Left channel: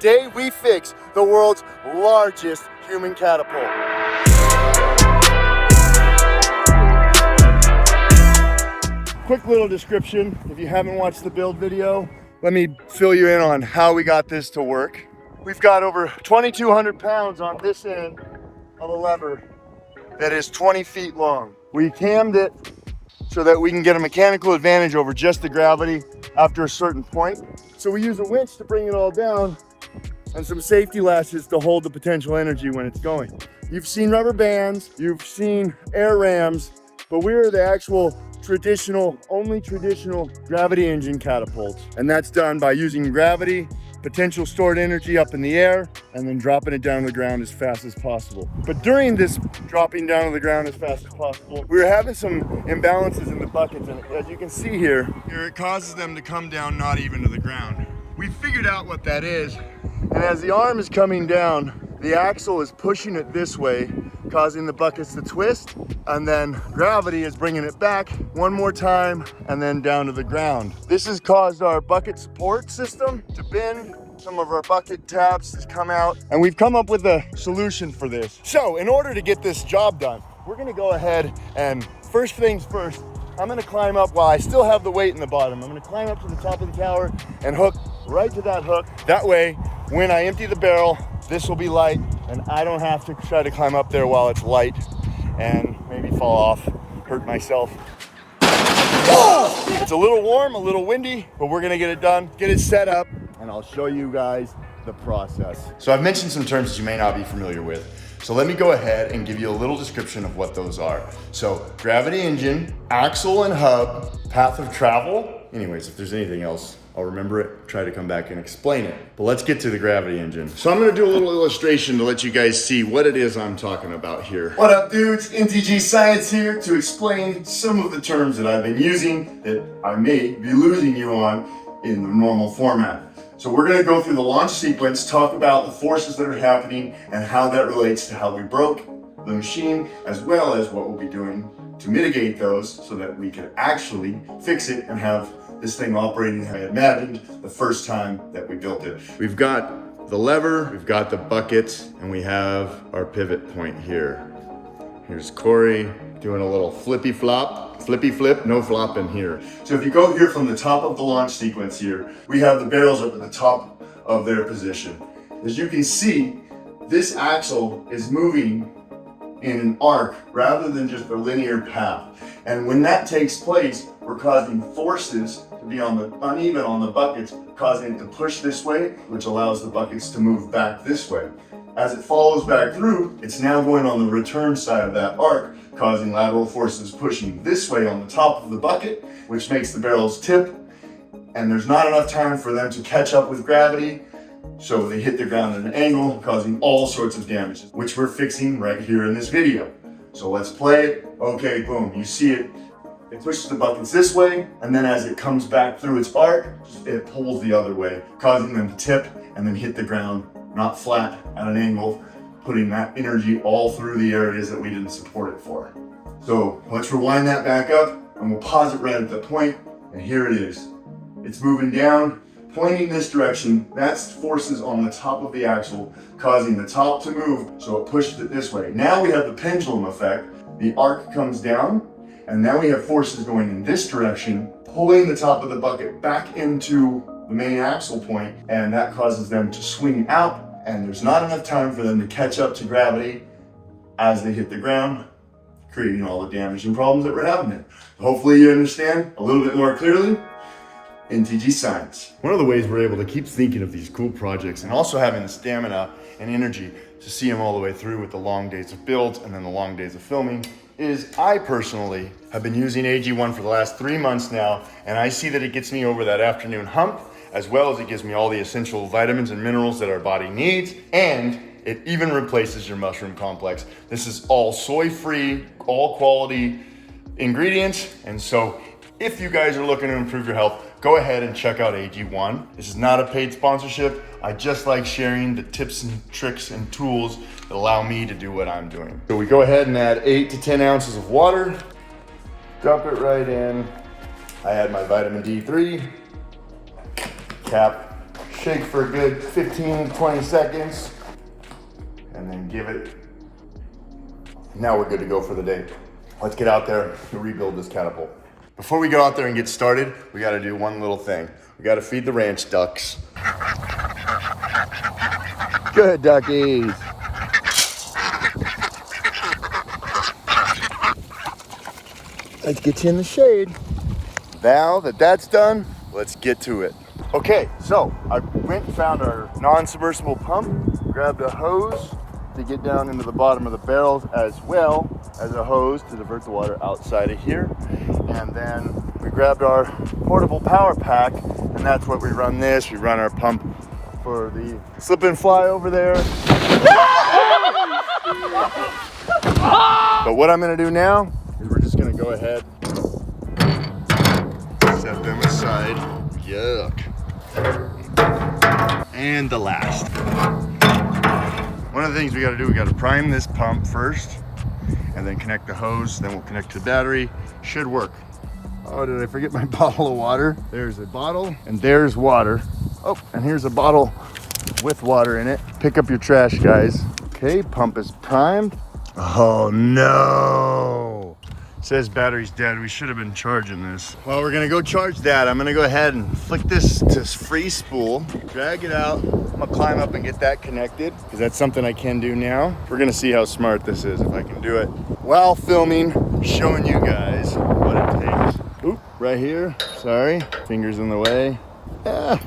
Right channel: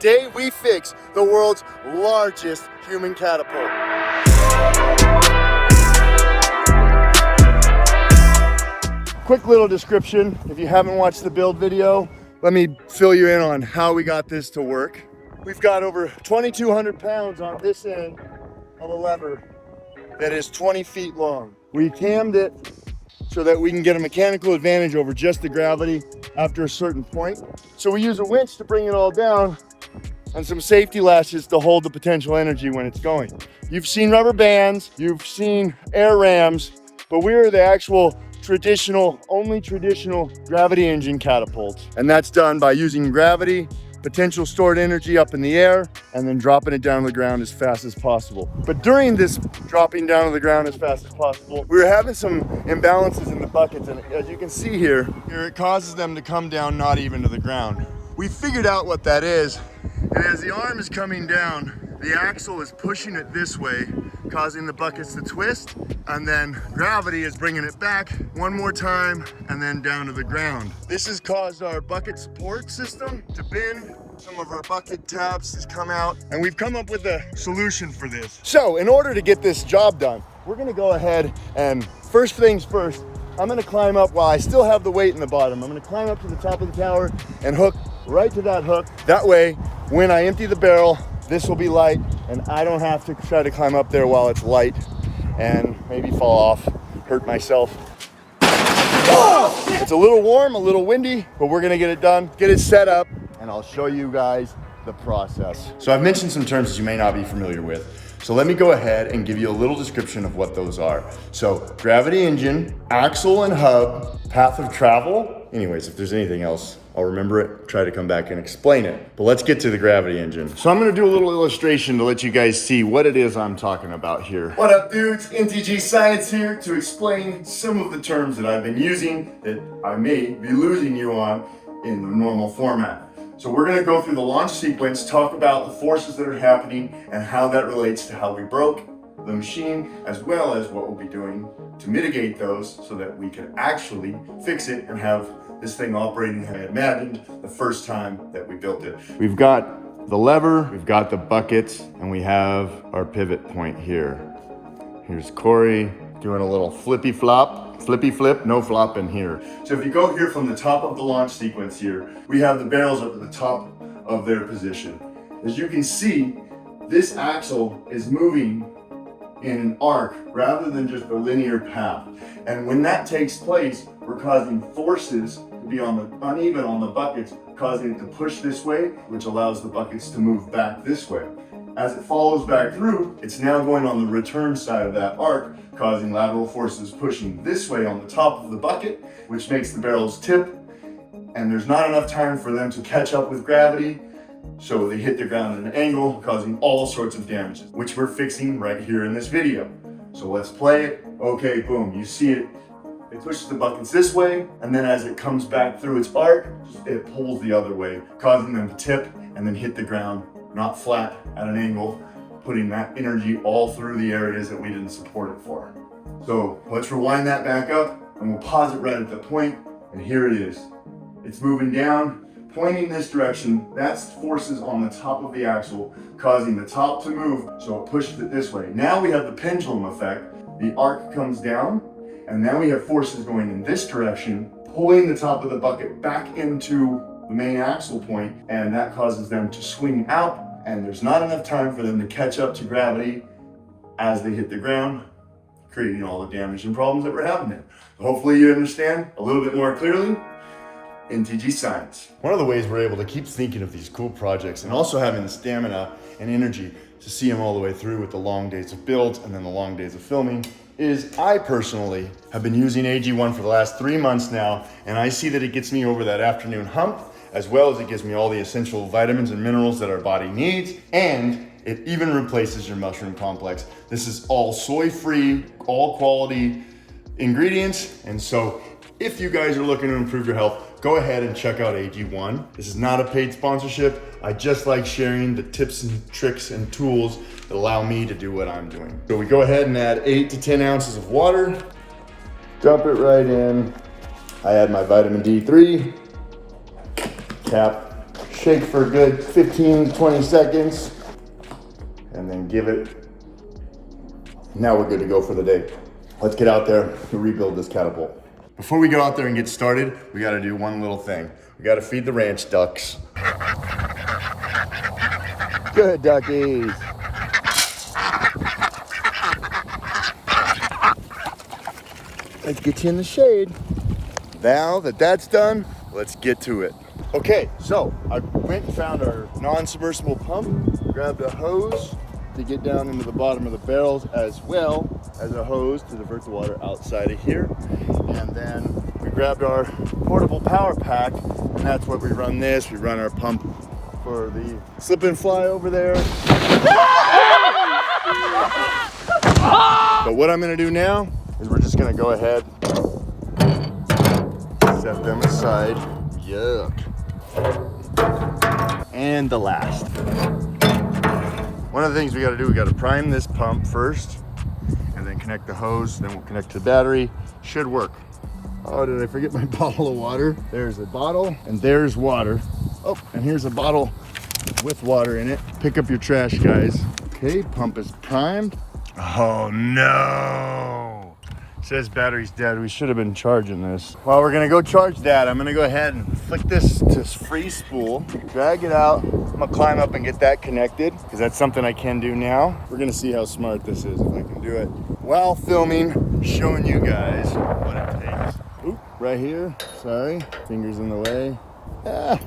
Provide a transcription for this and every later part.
Today we fix the world's largest human catapult. Quick little description, if you haven't watched the build video, let me fill you in on how we got this to work. We've got over 2,200 pounds on this end of a lever that is 20 feet long. We cammed it so that we can get a mechanical advantage over just the gravity after a certain point. So we use a winch to bring it all down and some safety lashes to hold the potential energy when it's going. You've seen rubber bands, you've seen air rams, but we're the actual only traditional gravity engine catapults. And that's done by using gravity, potential stored energy up in the air, and then dropping it down to the ground as fast as possible. But during this dropping down to the ground as fast as possible, we were having some imbalances in the buckets, and as you can see here, it causes them to come down not even to the ground. We figured out what that is, and as the arm is coming down, the axle is pushing it this way, causing the buckets to twist, and then gravity is bringing it back one more time and then down to the ground. This has caused our bucket support system to bend. Some of our bucket tabs has come out, and we've come up with a solution for this. So in order to get this job done, we're gonna go ahead and first things first, I'm gonna climb up while I still have the weight in the bottom. I'm gonna climb up to the top of the tower and hook right to that hook. That way, when I empty the barrel, this will be light and I don't have to try to climb up there while it's light and maybe fall off, hurt myself. It's a little warm, a little windy, but we're gonna get it done, get it set up, and I'll show you guys the process. So I've mentioned some terms that you may not be familiar with. So let me go ahead and give you a little description of what those are. So gravity engine, axle and hub, path of travel. Anyways, if there's anything else, I'll remember it, try to come back and explain it. But let's get to the gravity engine. So I'm gonna do a little illustration to let you guys see what it is I'm talking about here. What up, dudes? NTG Science here to explain some of the terms that I've been using that I may be losing you on in the normal format. So we're gonna go through the launch sequence, talk about the forces that are happening and how that relates to how we broke the machine, as well as what we'll be doing to mitigate those so that we can actually fix it and have this thing operating how I imagined the first time that we built it. We've got the lever, we've got the buckets, and we have our pivot point here. Here's Corey doing a little flippy flip, no flop in here. So if you go here from the top of the launch sequence here, we have the barrels up at the top of their position. As you can see, this axle is moving in an arc rather than just a linear path. And when that takes place, we're causing forces to be uneven on the buckets, causing it to push this way, which allows the buckets to move back this way. As it follows back through, it's now going on the return side of that arc, causing lateral forces pushing this way on the top of the bucket, which makes the barrels tip, and there's not enough time for them to catch up with gravity, so they hit the ground at an angle, causing all sorts of damages, which we're fixing right here in this video. So let's play it. Okay, boom, you see it. It pushes the buckets this way, and then as it comes back through its arc, it pulls the other way, causing them to tip and then hit the ground, not flat at an angle, putting that energy all through the areas that we didn't support it for. So let's rewind that back up, and we'll pause it right at the point, and here it is. It's moving down, pointing this direction. That's forces on the top of the axle, causing the top to move, so it pushes it this way. Now we have the pendulum effect. The arc comes down, and now we have forces going in this direction, pulling the top of the bucket back into the main axle point, and that causes them to swing out, and there's not enough time for them to catch up to gravity as they hit the ground, creating all the damage and problems that we're having there. Hopefully you understand a little bit more clearly. NTG Science. One of the ways we're able to keep thinking of these cool projects and also having the stamina and energy to see them all the way through with the long days of build and then the long days of filming is I personally have been using AG1 for the last 3 months now, and I see that it gets me over that afternoon hump, as well as it gives me all the essential vitamins and minerals that our body needs, and it even replaces your mushroom complex. This is all soy-free, all quality ingredients, and so if you guys are looking to improve your health, go ahead and check out AG1. This is not a paid sponsorship. I just like sharing the tips and tricks and tools that allow me to do what I'm doing. So we go ahead and add 8 to 10 ounces of water, dump it right in. I add my vitamin D3, cap, Shake for a good 15, 20 seconds, and then give it. Now we're good to go for the day. Let's get out there and rebuild this catapult. Before we go out there and get started, we gotta do one little thing. We gotta feed the ranch ducks. Good duckies. Let's get you in the shade. Now that that's done, let's get to it. Okay, so I went and found our non-submersible pump, grabbed a hose to get down into the bottom of the barrels, as well as a hose to divert the water outside of here. And then we grabbed our portable power pack, and that's what we run this. We run our pump for the slip and fly over there. But what I'm gonna do now is we're just gonna go ahead, set them aside. Yuck. And the last. One of the things we gotta do, we gotta prime this pump first, and then connect the hose, then we'll connect to the battery. Should work. Oh, did I forget my bottle of water? There's a bottle, and there's water. Oh, and here's a bottle with water in it. Pick up your trash, guys. Okay, pump is primed. Oh no! It says battery's dead. We should have been charging this. Well, we're gonna go charge that. I'm gonna go ahead and flick this to free spool, drag it out. I'm gonna climb up and get that connected, because that's something I can do now. We're gonna see how smart this is, if I can do it while filming, showing you guys what it takes. Oop, right here, sorry, fingers in the way. Ah.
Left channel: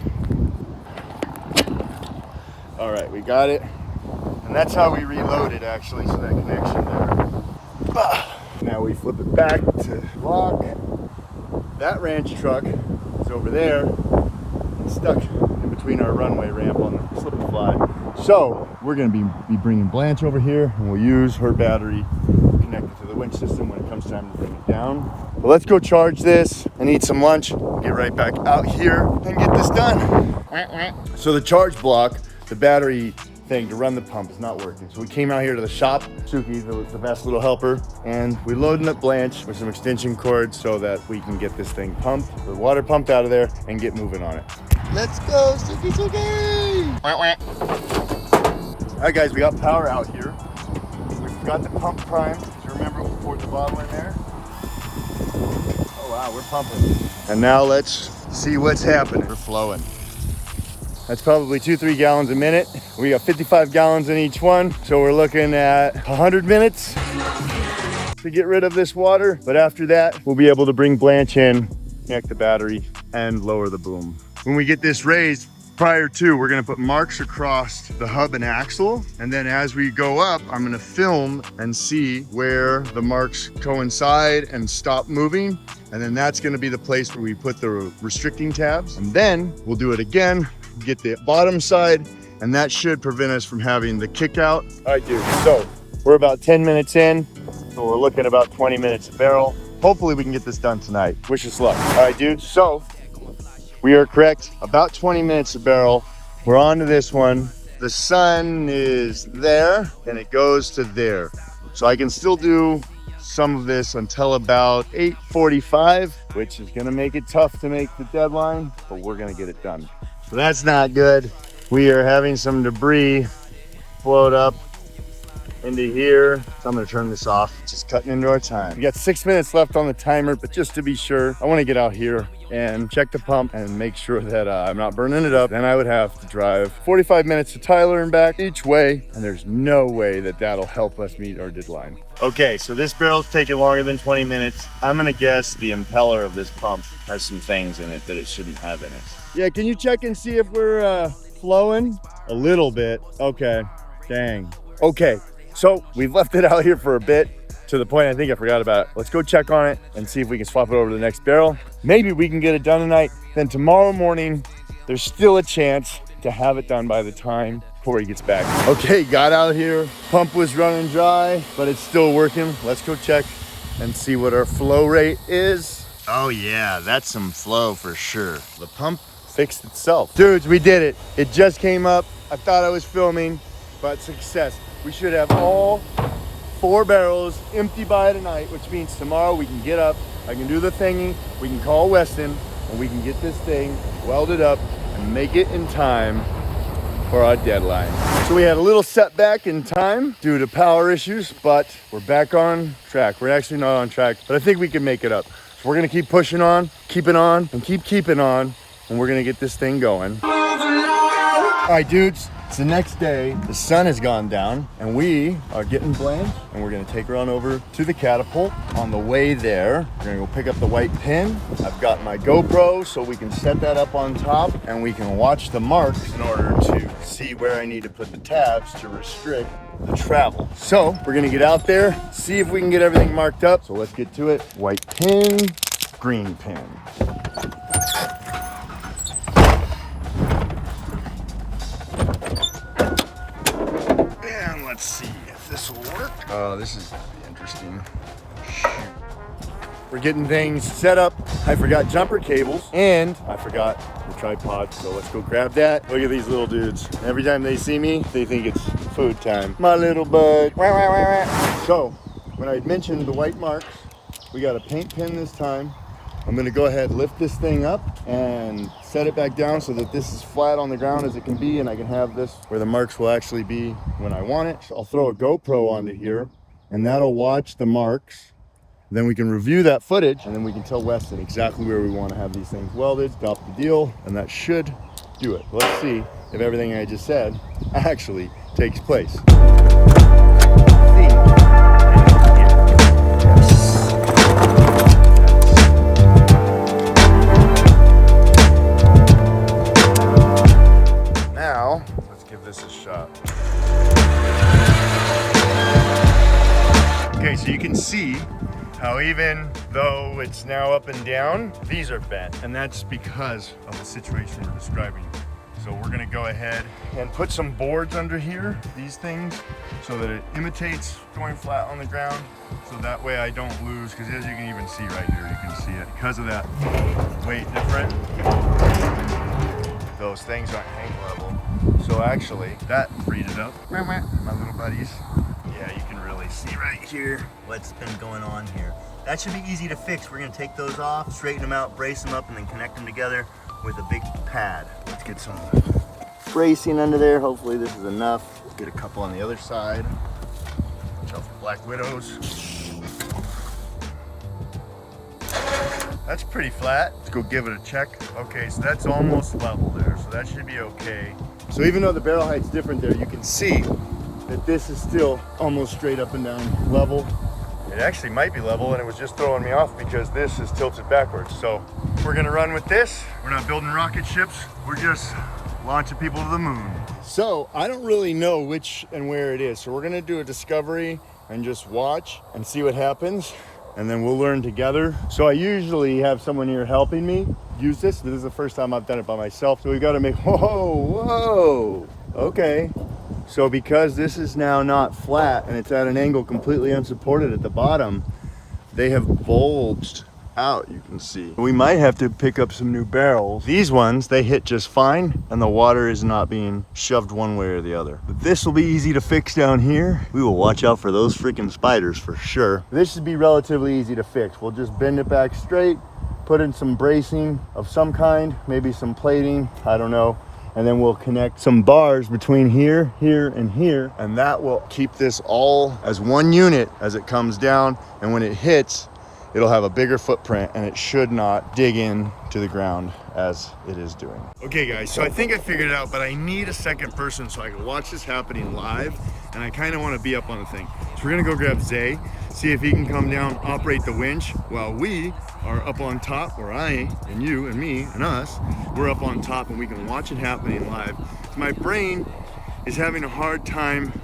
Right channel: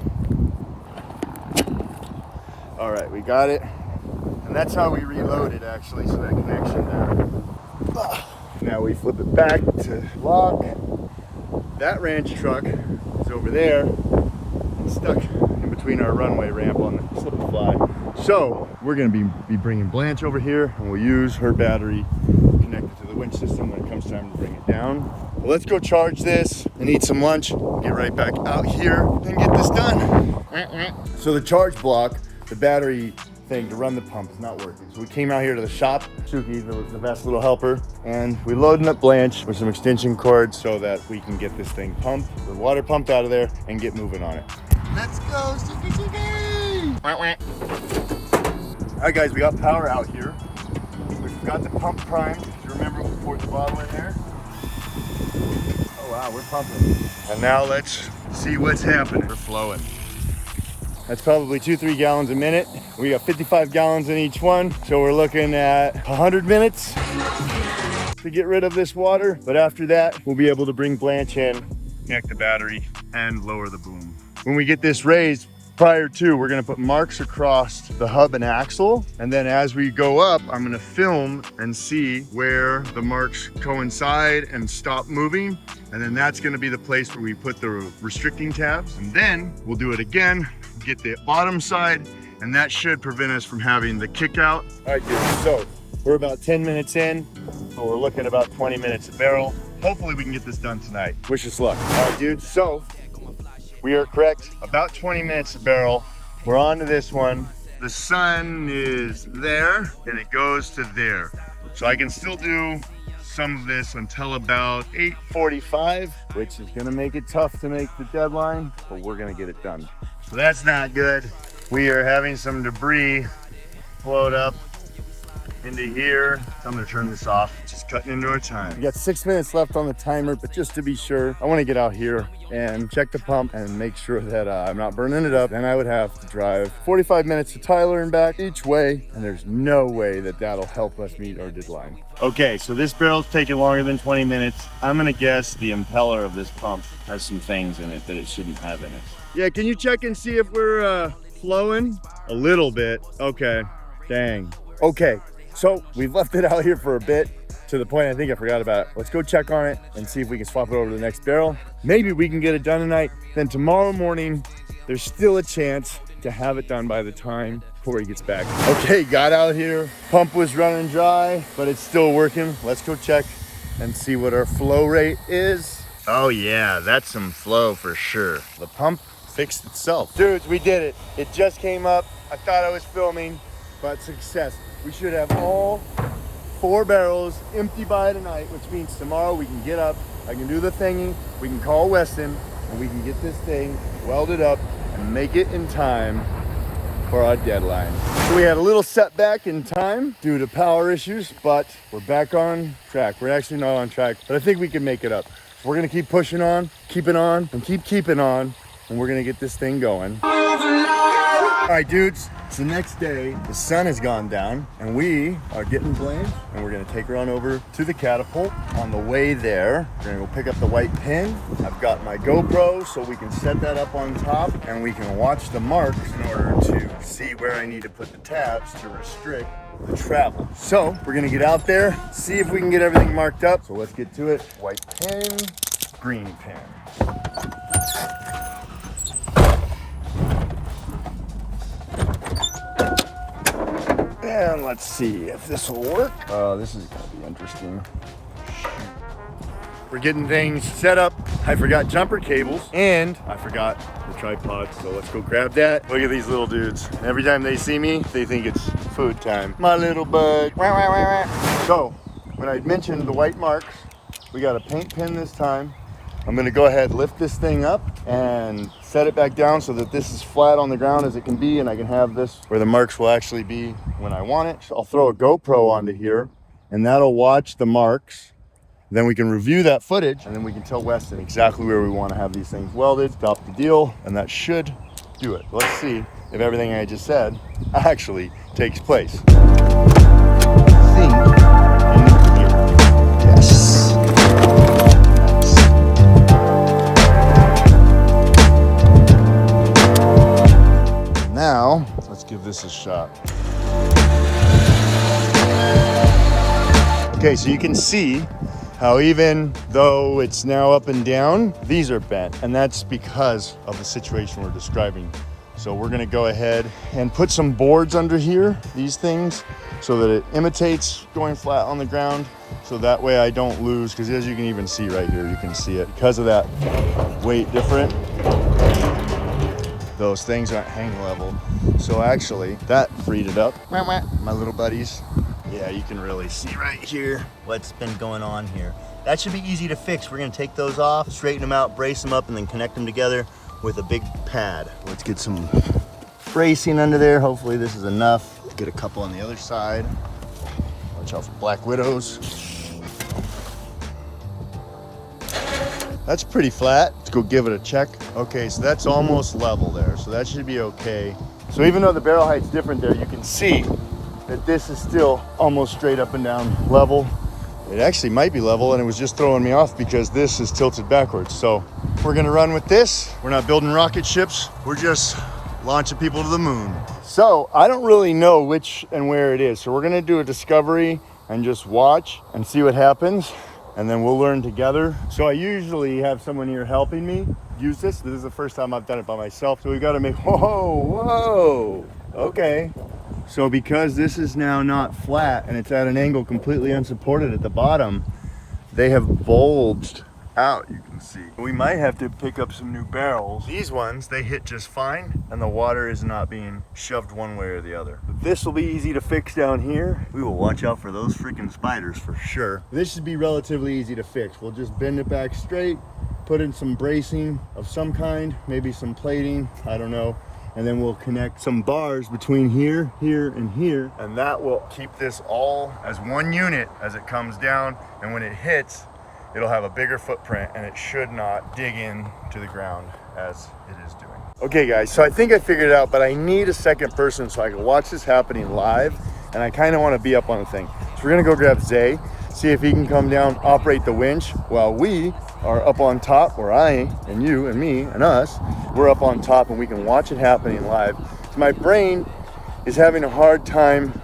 All right, we got it. And that's how we reload it, actually, so that connection there. Ah. Now we flip it back to lock. That ranch truck is over there, stuck in between our runway ramp on the slip and fly. So we're gonna be bringing Blanche over here, and we'll use her battery connected to the winch system when it comes time to bring it down. But let's go charge this and eat some lunch. Get right back out here and get this done. So the charge block, the battery thing to run the pump is not working. So we came out here to the shop, Suki, the best little helper, and we loaded up Blanche with some extension cords so that we can get this thing pumped, the water pumped out of there, and get moving on it. Let's go, Suki, Suki! All right, guys, we got power out here. We've got the pump primed. You remember we poured the bottle in there? Oh wow, we're pumping. And now let's see what's happening. We're flowing. That's probably 2-3 gallons a minute. We got 55 gallons in each one. So we're looking at 100 minutes to get rid of this water. But after that, we'll be able to bring Blanche in, connect the battery, and lower the boom. When we get this raised, prior to, we're gonna put marks across the hub and axle. And then as we go up, I'm gonna film and see where the marks coincide and stop moving. And then that's gonna be the place where we put the restricting tabs. And then we'll do it again, get the bottom side, and that should prevent us from having the kick out. All right, dude, so we're about 10 minutes in, so we're looking about 20 minutes a barrel. Hopefully we can get this done tonight. Wish us luck. All right, dude, so we are correct, about 20 minutes a barrel. We're on to this one. The sun is there, and it goes to there. So I can still do some of this until about 8:45, which is gonna make it tough to make the deadline, but we're gonna get it done. So that's not good. We are having some debris float up into here. So I'm gonna turn this off, just cutting into our time. We got 6 minutes left on the timer, but just to be sure, I wanna get out here and check the pump and make sure that I'm not burning it up. Then I would have to drive 45 minutes to Tyler and back each way, and there's no way that that'll help us meet our deadline. Okay, so this barrel's taking longer than 20 minutes. I'm gonna guess the impeller of this pump has some things in it that it shouldn't have in it. Yeah, can you check and see if we're flowing? A little bit, okay, dang. Okay, so we've left it out here for a bit, to the point I think I forgot about it. Let's go check on it and see if we can swap it over to the next barrel. Maybe we can get it done tonight. Then tomorrow morning, there's still a chance to have it done by the time Corey gets back. Okay, got out here. Pump was running dry, but it's still working. Let's go check and see what our flow rate is. Oh yeah, that's some flow for sure. The pump fixed itself. Dudes, we did it. It just came up. I thought I was filming, but success. We should have all 4 barrels empty by tonight, which means tomorrow we can get up, I can do the thingy, we can call Weston, and we can get this thing welded up and make it in time for our deadline. So we had a little setback in time due to power issues, but we're back on track. We're actually not on track, but I think we can make it up. So we're gonna keep pushing on, keeping on, and keep keeping on, and we're gonna get this thing going. All right, dudes, it's the next day. The sun has gone down, and we are getting blamed, and we're gonna take her on over to the Catapult. On the way there, we're gonna go pick up the white pin. I've got my GoPro, so we can set that up on top, and we can watch the marks in order to see where I need to put the tabs to restrict the travel. So we're gonna get out there, see if we can get everything marked up. So let's get to it. White pin, green pin. And let's see if this will work. Oh, this is gonna be interesting. We're getting things set up. I forgot jumper cables and I forgot the tripod. So let's go grab that. Look at these little dudes. Every time they see me, they think it's food time. My little bud. So when I mentioned the white marks, we got a paint pin this time. I'm gonna go ahead, lift this thing up and set it back down so that this is flat on the ground as it can be, and I can have this where the marks will actually be when I want it. So I'll throw a GoPro onto here and that'll watch the marks. Then we can review that footage and then we can tell Weston exactly where we want to have these things welded, stop the deal, and that should do it. Let's see if everything I just said actually takes place. Now, let's give this a shot. Okay, so you can see how even though it's now up and down, these are bent, and that's because of the situation we're describing. So we're gonna go ahead and put some boards under here, these things, so that it imitates going flat on the ground. So that way I don't lose, because as you can even see right here, you can see it. Because of that weight different, those things aren't hang level. So actually, that freed it up. My little buddies. Yeah, you can really see right here what's been going on here. That should be easy to fix. We're gonna take those off, straighten them out, brace them up, and then connect them together with a big pad. Let's get some bracing under there. Hopefully this is enough. Let's get a couple on the other side. Watch out for black widows. That's pretty flat. Let's go give it a check. Okay, so that's almost level there, so that should be okay. So even though the barrel height's different there, you can see that this is still almost straight up and down level. It actually might be level, and it was just throwing me off because this is tilted backwards. So we're gonna run with this. We're not building rocket ships. We're just launching people to the moon. So I don't really know which and where it is. So we're gonna do a discovery and just watch and see what happens. And then we'll learn together. So I usually have someone here helping me use this. This is the first time I've done it by myself. So we gotta make, whoa, okay. So because this is now not flat and it's at an angle completely unsupported at the bottom, they have bulged out, you can see. We might have to pick up some new barrels. These ones, they hit just fine and the water is not being shoved one way or the other. But this will be easy to fix down here. We will watch out for those freaking spiders for sure. This should be relatively easy to fix. We'll just bend it back straight, put in some bracing of some kind, maybe some plating, I don't know. And then we'll connect some bars between here, here, and here. And that will keep this all as one unit as it comes down. And when it hits, it'll have a bigger footprint and it should not dig in to the ground as it is doing. Okay guys, so I think I figured it out, but I need a second person so I can watch this happening live. And I kind of want to be up on the thing. So we're gonna go grab Zay, see if he can come down, operate the winch while we are up on top, or I and you and me and us, we're up on top and we can watch it happening live. So my brain is having a hard time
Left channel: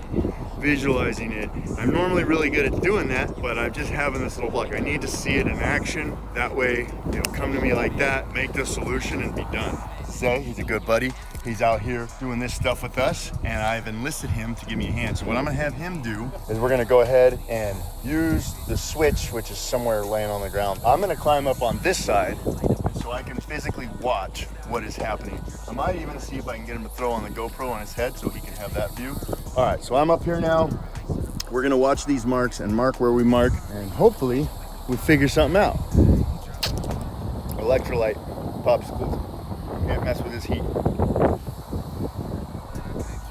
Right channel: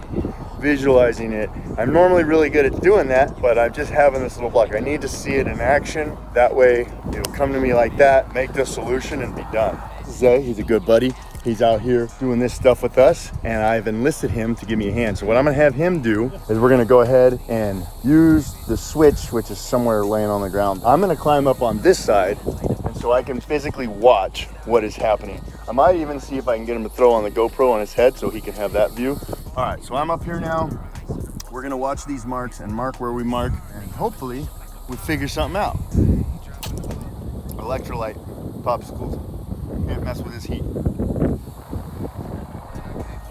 visualizing it. I'm normally really good at doing that, but I'm just having this little block. I need to see it in action. That way it'll come to me like that, make the solution and be done. Zay, he's a good buddy. He's out here doing this stuff with us and I've enlisted him to give me a hand. So what I'm gonna have him do is we're gonna go ahead and use the switch, which is somewhere laying on the ground. I'm gonna climb up on this side and so I can physically watch what is happening. I might even see if I can get him to throw on the GoPro on his head so he can have that view. All right, so I'm up here now. We're gonna watch these marks and mark where we mark and hopefully we figure something out. Electrolyte popsicles. Can't mess with his heat.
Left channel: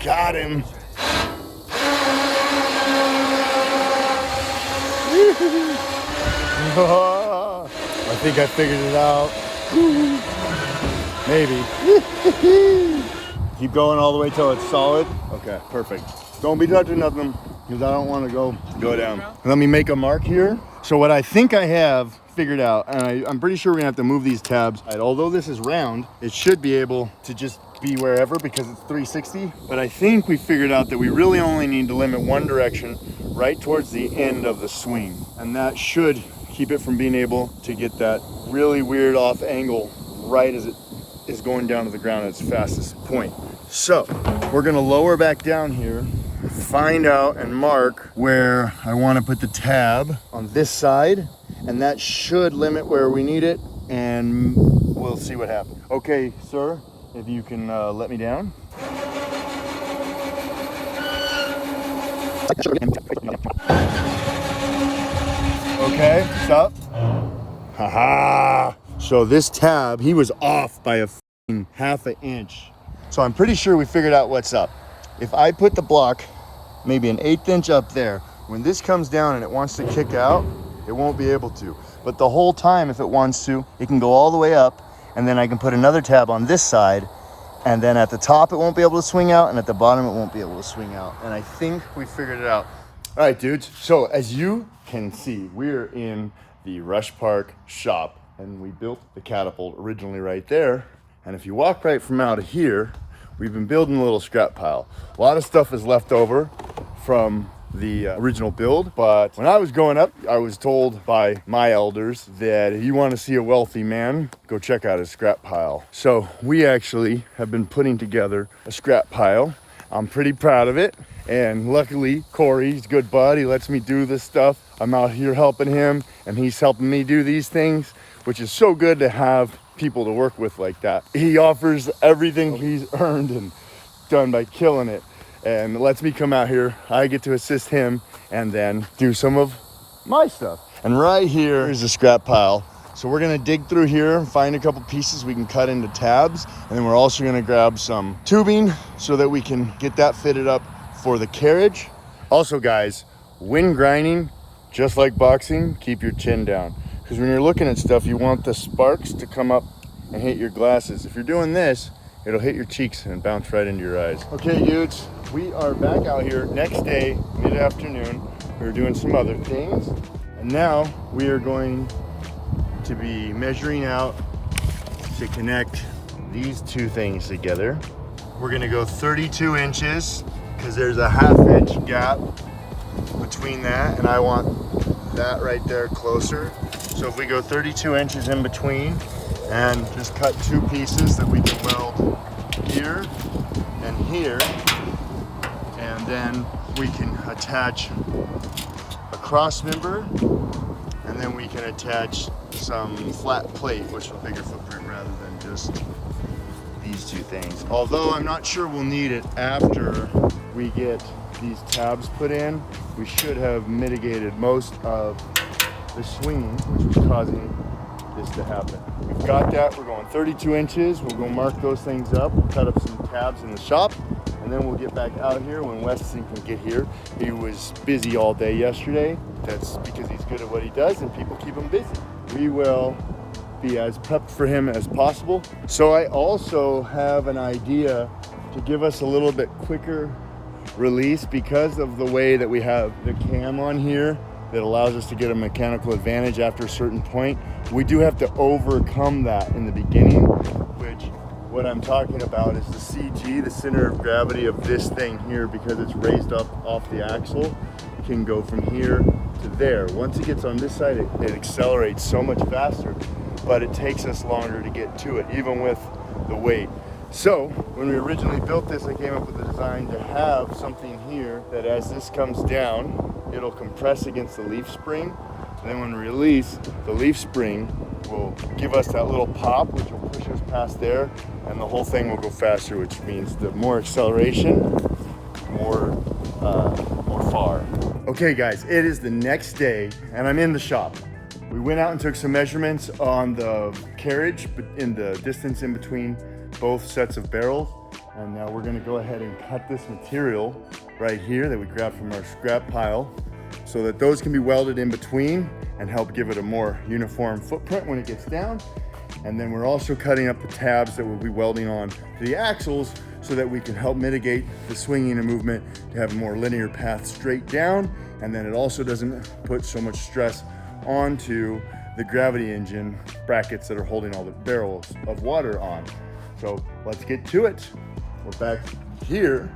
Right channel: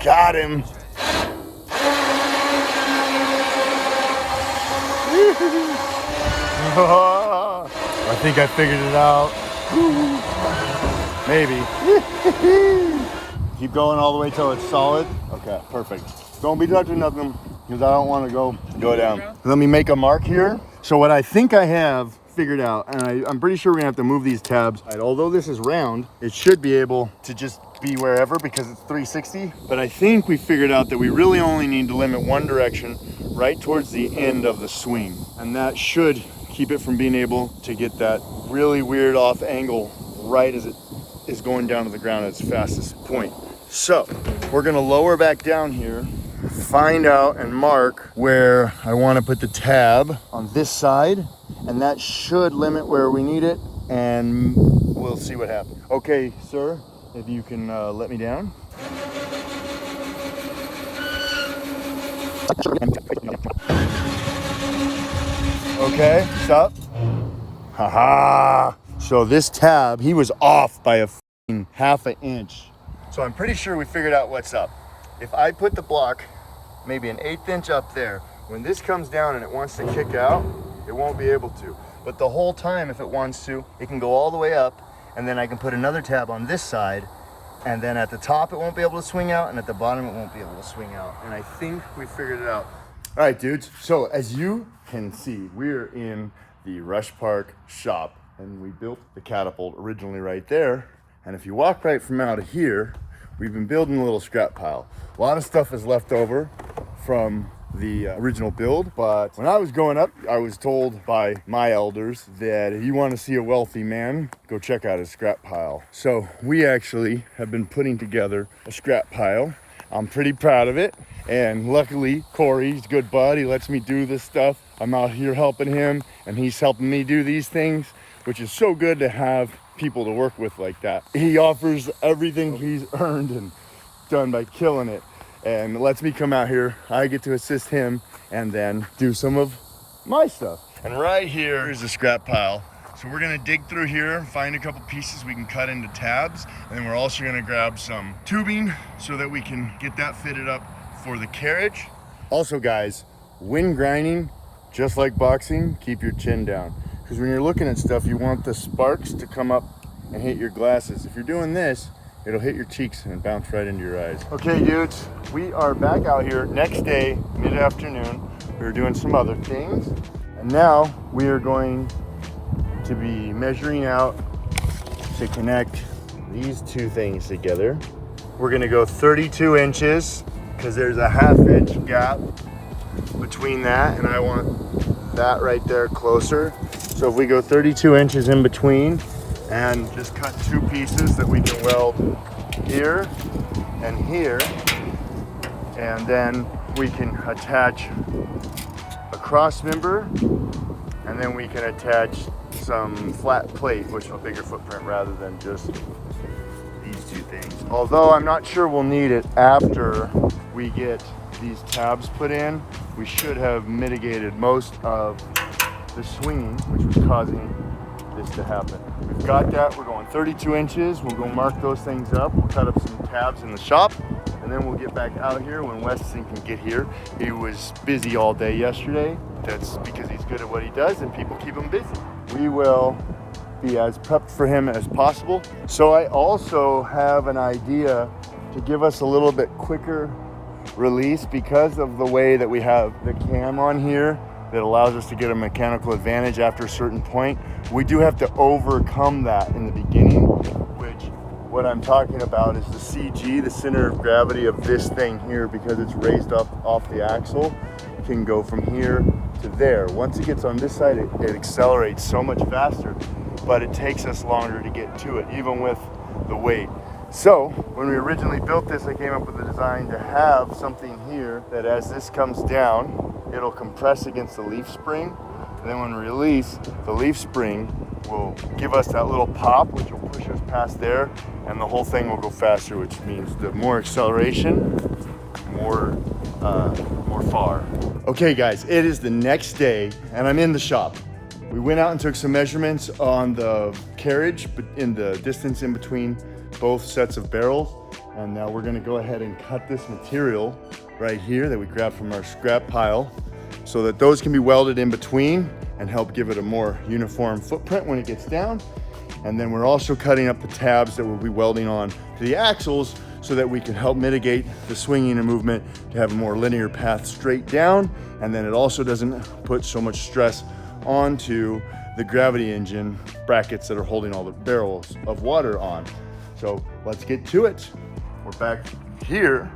Got him. I think I figured it out. Maybe. Keep going all the way till it's solid. Okay, perfect. Don't be touching nothing because I don't want to go down. Let me make a mark here. So what I think I have figured out, and I'm pretty sure we're gonna have to move these tabs. Although this is round, it should be able to just be wherever because it's 360. But I think we figured out that we really only need to limit one direction right towards the end of the swing. And that should keep it from being able to get that really weird off angle right as it is going down to the ground at its fastest point. So we're gonna lower back down here, find out and mark where I wanna put the tab on this side, and that should limit where we need it, and we'll see what happens. Okay, sir, if you can let me down. Okay, stop. Haha. So this tab, he was off by a half an inch. So I'm pretty sure we figured out what's up. If I put the block maybe an 1/8 inch up there, when this comes down and it wants to kick out, it won't be able to. But the whole time, if it wants to, it can go all the way up, and then I can put another tab on this side, and then at the top it won't be able to swing out, and at the bottom it won't be able to swing out. And I think we figured it out. All right, dudes. So as you can see, we're in the Rush Park shop, and we built the Catapult originally right there. And if you walk right from out of here, we've been building a little scrap pile. A lot of stuff is left over from the original build, but when I was growing up, I was told by my elders that if you want to see a wealthy man, go check out his scrap pile. So we actually have been putting together a scrap pile. I'm pretty proud of it, and luckily Corey's a good bud. He lets me do this stuff. I'm out here helping him, and he's helping me do these things, which is so good to have people to work with like that. He offers everything he's earned and done by killing it, and lets me come out here. I get to assist him and then do some of my stuff. And right here is the scrap pile. So we're gonna dig through here, find a couple pieces we can cut into tabs, and then we're also gonna grab some tubing so that we can get that fitted up for the carriage. Also guys, when grinding, just like boxing, keep your chin down. Because when you're looking at stuff, you want the sparks to come up and hit your glasses. If you're doing this, it'll hit your cheeks and bounce right into your eyes. Okay, dudes, we are back out here next day, mid-afternoon. We were doing some other things, and now we are going to be measuring out to connect these two things together. We're gonna go 32 inches because there's a 1/2 inch gap between that, and I want that right there closer. So if we go 32 inches in between and just cut two pieces that we can weld here and here, and then we can attach a cross member, and then we can attach some flat plate, which is a bigger footprint rather than just these two things. Although I'm not sure we'll need it after we get these tabs put in. We should have mitigated most of the swinging, which was causing this to happen. We've got that. We're going 32 inches. We'll go mark those things up. We'll cut up some tabs in the shop, and then we'll get back out here when Weston can get here. He was busy all day yesterday. That's because he's good at what he does, and people keep him busy. We will be as prepped for him as possible. So I also have an idea to give us a little bit quicker release because of the way that we have the cam on here that allows us to get a mechanical advantage after a certain point. We do have to overcome that in the beginning, which what I'm talking about is the CG, the center of gravity of this thing here, because it's raised up off the axle, can go from here to there. Once it gets on this side, it accelerates so much faster, but it takes us longer to get to it, even with the weight. So when we originally built this, I came up with a design to have something here that as this comes down, it'll compress against the leaf spring. And then when we release, the leaf spring will give us that little pop, which will push us past there, and the whole thing will go faster, which means the more acceleration, more far. Okay guys, it is the next day and I'm in the shop. We went out and took some measurements on the carriage, but in the distance in between both sets of barrels. And now we're gonna go ahead and cut this material right here that we grabbed from our scrap pile so that those can be welded in between and help give it a more uniform footprint when it gets down. And then we're also cutting up the tabs that we'll be welding on to the axles so that we can help mitigate the swinging and movement to have a more linear path straight down. And then it also doesn't put so much stress onto the gravity engine brackets that are holding all the barrels of water on. So let's get to it. We're back here.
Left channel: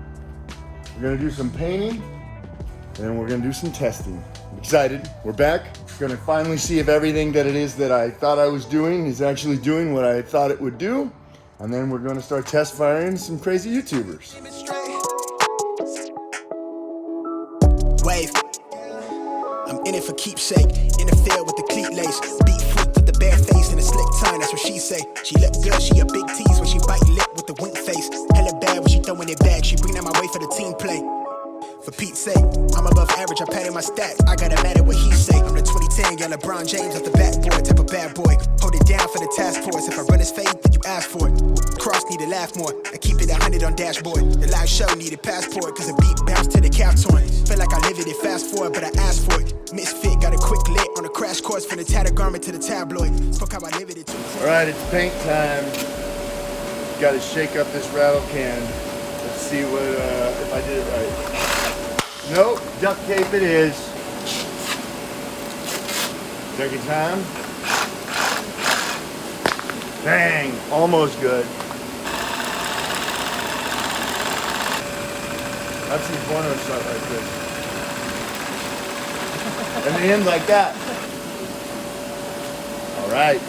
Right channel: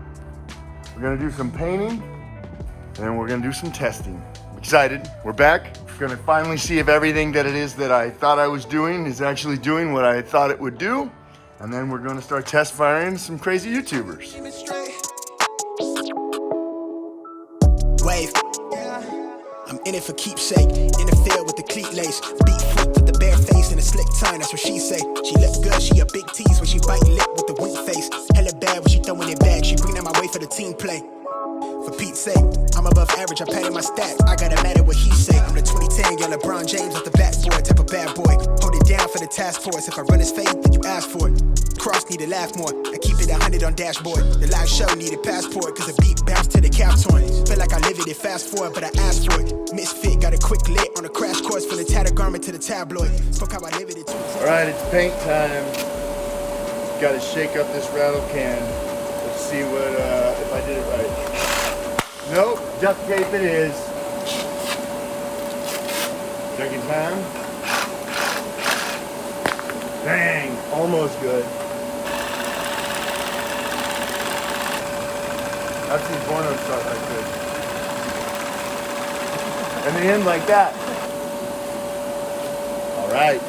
We're gonna do some painting and then we're gonna do some testing. I'm excited, we're back. Gonna finally see if everything that it is that I thought I was doing is actually doing what I thought it would do. And then we're gonna start test firing some crazy YouTubers. Wave. I'm in it for keepsake. In the field with the cleat lace. Beat freak with the bare face and a slick tongue, that's what she say. She look good, she a big tease when she bite lip with the wink face. Hella bad when she throwing it back. She bring that my way for the team play. For Pete's sake, I'm above average, I padded my stats. I gotta matter what he say. I'm the 2010 young LeBron James off the backboard, type of bad boy. Hold it down for the task force. If I run his fade, then you ask for it. Cross need to laugh more. I keep it 100 on dashboard. The live show needed passport, cause the beat bounced to the cap torn. Feel like I live it fast forward, but I asked for it. Misfit, got a quick lit on a crash course from the tattered garment to the tabloid. Fuck how I live it. Alright, it's paint time. Gotta shake up this rattle can. Let's see what if I did it right. Nope, duct tape it is. Second time. Bang, almost good. I've seen porno start like this. And they end like that. All right.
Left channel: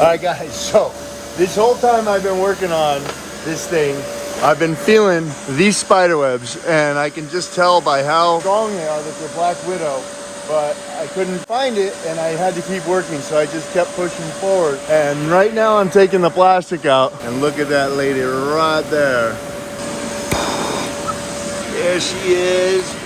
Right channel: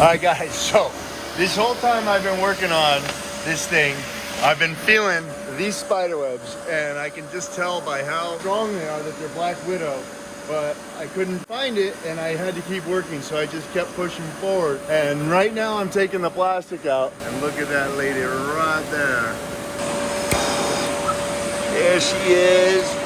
All right guys, so this whole time I've been working on this thing, I've been feeling these spider webs, and I can just tell by how strong they are that they're Black Widow, but I couldn't find it and I had to keep working, so I just kept pushing forward. And right now I'm taking the plastic out, and look at that lady right there. There she is.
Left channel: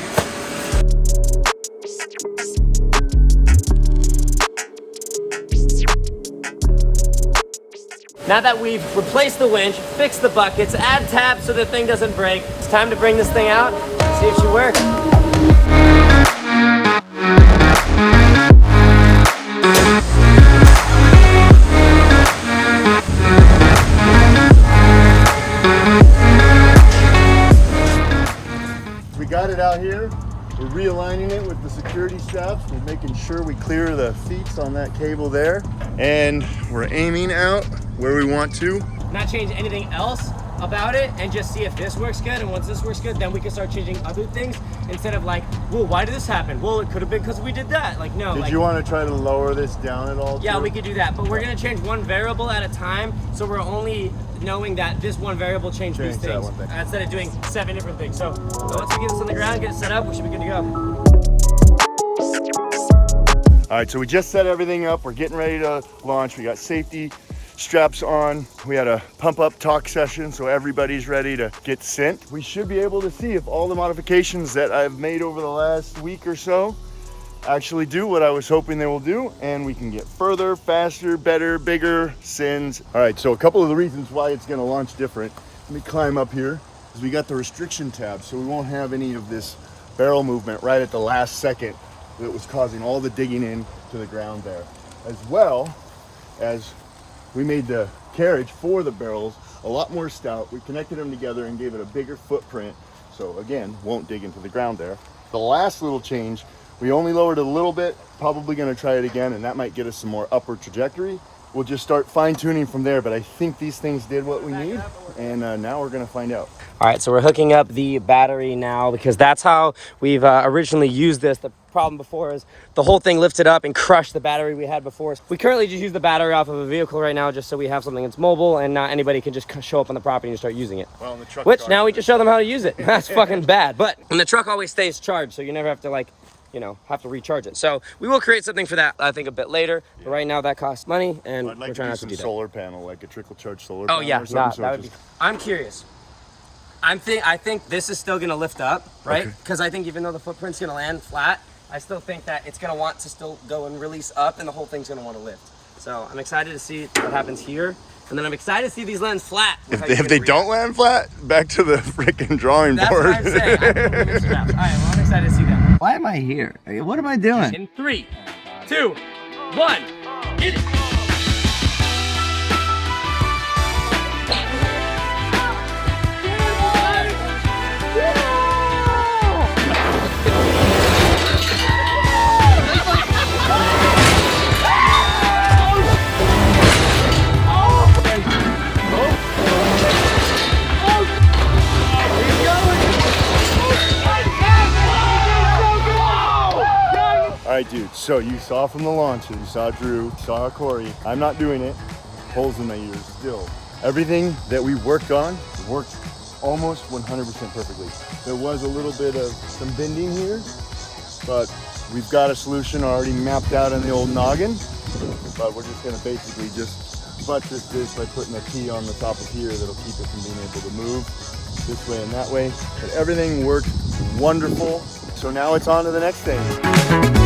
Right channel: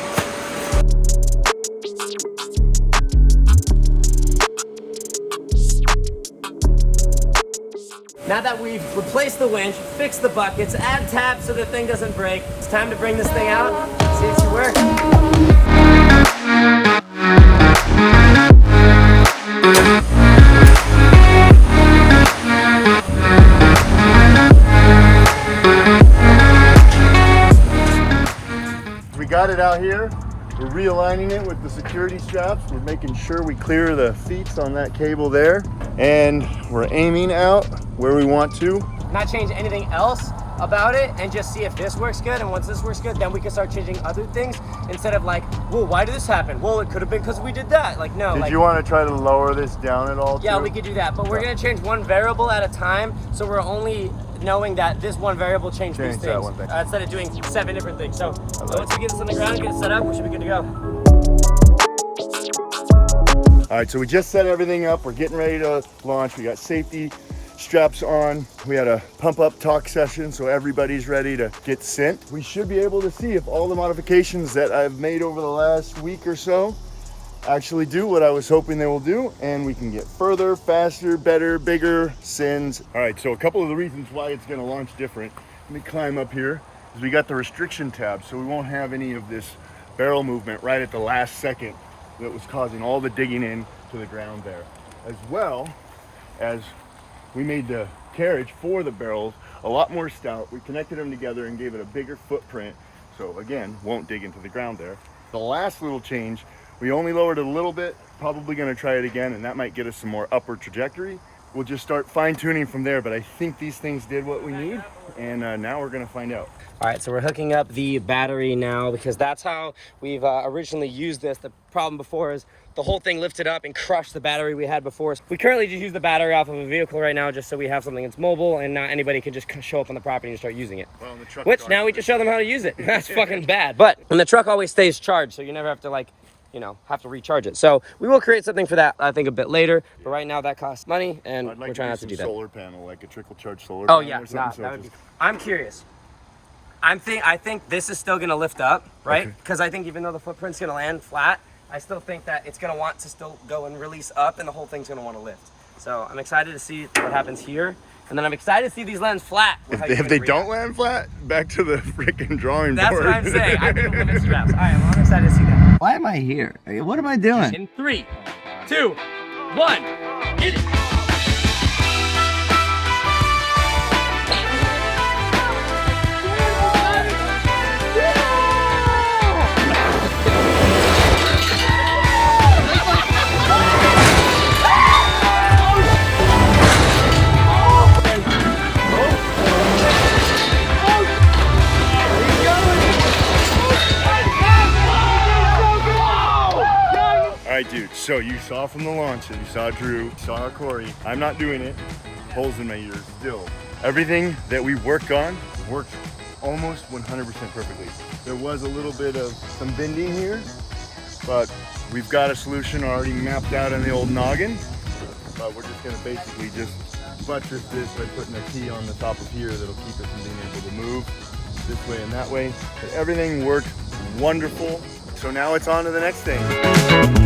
Now that we've replaced the winch, fixed the buckets, add tabs so the thing doesn't break, it's time to bring this thing out, see if she works. We got it out here. We're realigning it with the security straps. We're making sure we clear the feet on that cable there. And we're aiming out where we want to. Not change anything else about it and just see if this works good. And once this works good, then we can start changing other things instead of like, well, why did this happen? Well, it could have been because we did that. Like, no. Did you want to try to lower this down at all? Yeah, too? we could do that. But we're going to change one variable at a time. So we're only knowing that this one variable changed these things instead of doing 7 different things. So once we get this on the ground, get it set up, we should be good to go. All right, so we just set everything up. We're getting ready to launch. We got safety straps on. We had a pump up talk session, so everybody's ready to get sent. We should be able to see if all the modifications that I've made over the last week or so actually do what I was hoping they will do, and we can get further, faster, better, bigger sends. All right, so a couple of the reasons why it's gonna launch different. Let me climb up here, is we got the restriction tab, so we won't have any of this barrel movement right at the last second that was causing all the digging in to the ground there. As well as we made the carriage for the barrels a lot more stout. We connected them together and gave it a bigger footprint So again, won't dig into the ground there. The last little change, we only lowered it a little bit, probably gonna try it again, and that might get us some more upward trajectory. We'll just start fine tuning from there, but I think these things did what we need, and now we're gonna find out. All right, so we're hooking up the battery now because that's how we've originally used this. The problem before is the whole thing lifted up and crushed the battery we had before. So we currently just use the battery off of a vehicle right now just so we have something that's mobile and not anybody can just show up on the property and start using it. Well, which now we just show them how to use it. That's fucking bad. But and the truck always stays charged, so you never have to like, you know, have to recharge it. So we will create something for that, I think, a bit later. But right now that costs money, and I'd like we're trying not to do do that. Solar panel, like a trickle charge solar panel or something. That would be, I'm curious. I think this is still gonna lift up, right? Because I think even though the footprint's gonna land flat, I still think that it's gonna want to still go and release up, and the whole thing's gonna want to lift. So I'm excited to see what happens here, and then I'm excited to see these land flat. If they don't land flat, back to the freaking drawing board. That's what I'm saying. I put limit straps. All right, well, I'm excited to see that. Why am I here? What am I doing? In 3, 2, 1, get it. All right, dude, so you saw from the launcher, you saw Drew, saw Corey. I'm not doing it. Holes in my ears still. Everything that we worked on worked almost 100% perfectly. There was a little bit of some bending here, but we've got a solution already mapped out in the old noggin. But we're just gonna basically just buttress this by putting a key on the top of here that'll keep us from being able to move this way and that way. But everything worked wonderful. So now it's on to the next thing.